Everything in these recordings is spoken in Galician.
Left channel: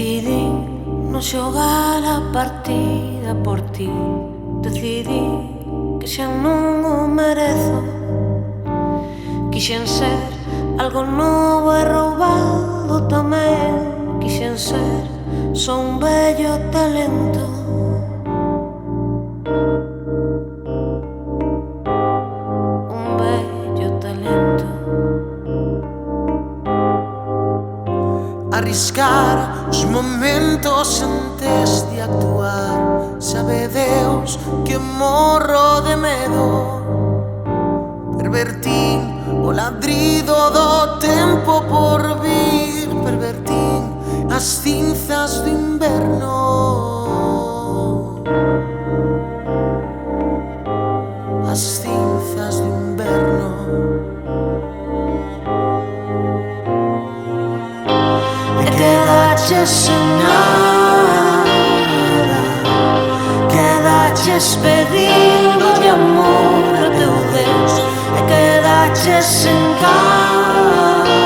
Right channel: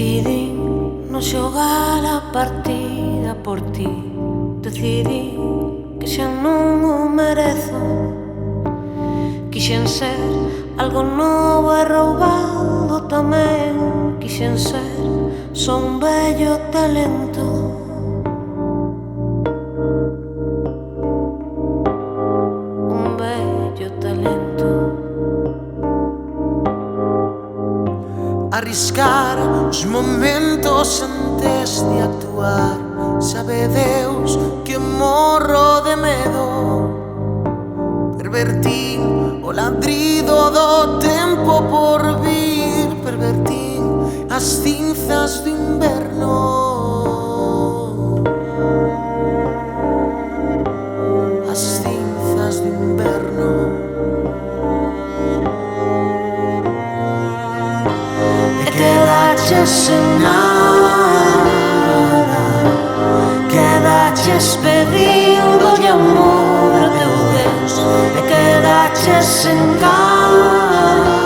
Decidín non xogar a partida por ti. Decidín que xa non o merezo. Quixen ser algo novo e roubado tamén. Quixen ser só un bello talento. Un bello talento. Arriscar os momentos antes de actuar. Sabe Deus que morro de medo. Pervertín o ladrido do tempo por vir. Pervertín as cinzas do inverno. As cinzas do inverno. Quedaches sen nada, quedaches pedindolle amor a teu Deus. E quedaches sen cama,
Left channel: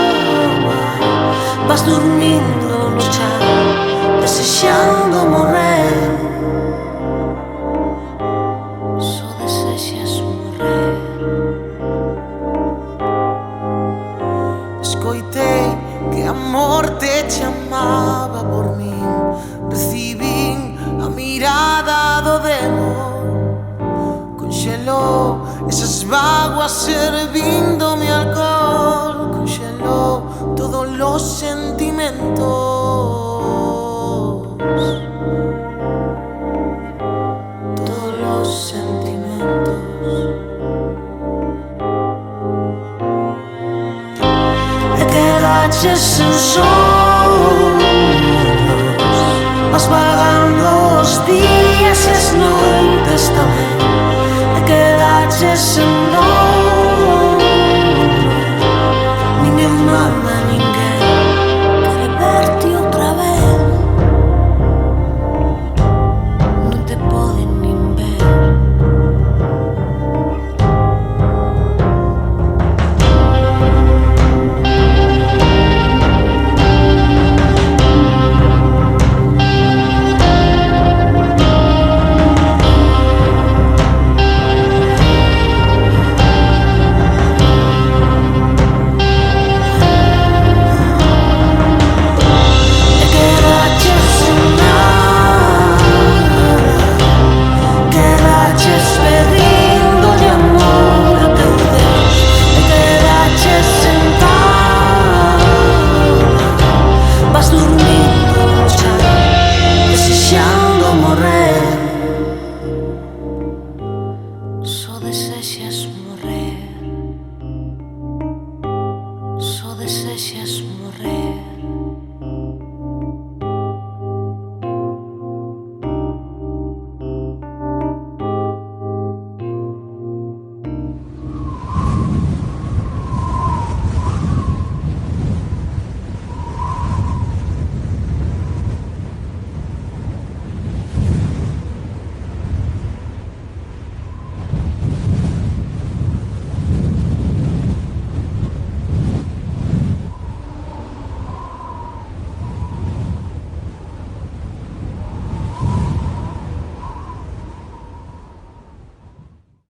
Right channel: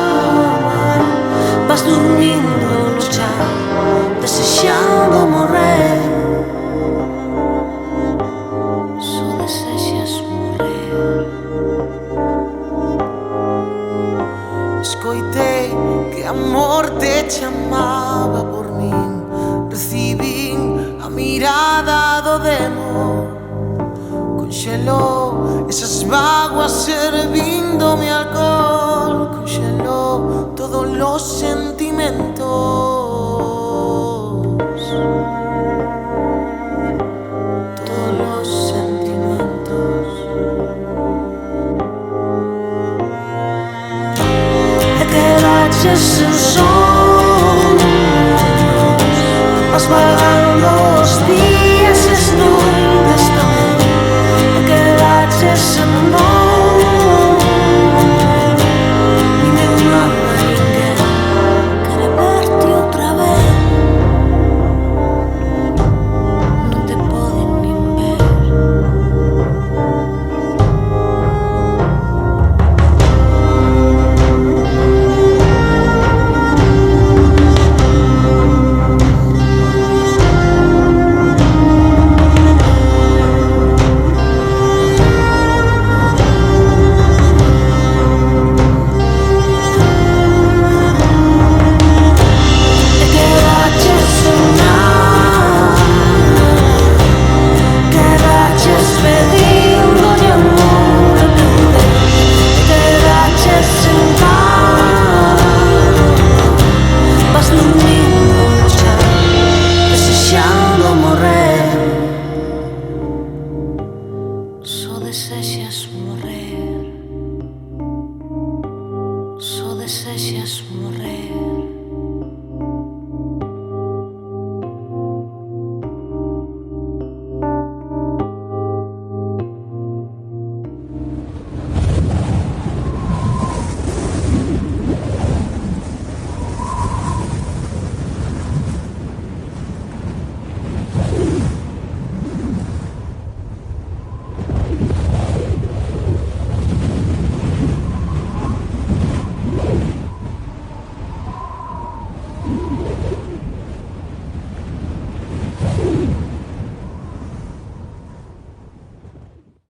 vas dormindo no chan, desexando morrer. Só desexas morrer. Escoitei que a morte chamaba por min. Recibín a mirada do demo. Conxelou esas vaguas servindome alcohol. Conxelou todos os sentimentos. Todos os sentimentos. E quedaches sen sonhos, vas vagando os días e as noites tamén. E quedaches sen dono, ninguén manda a ninguén. Quere verte outra vez, non te poden nin ver. Pedindolle amor a teu Deus. E quedaches sen cama, vas dormindo no chan, desexando morrer.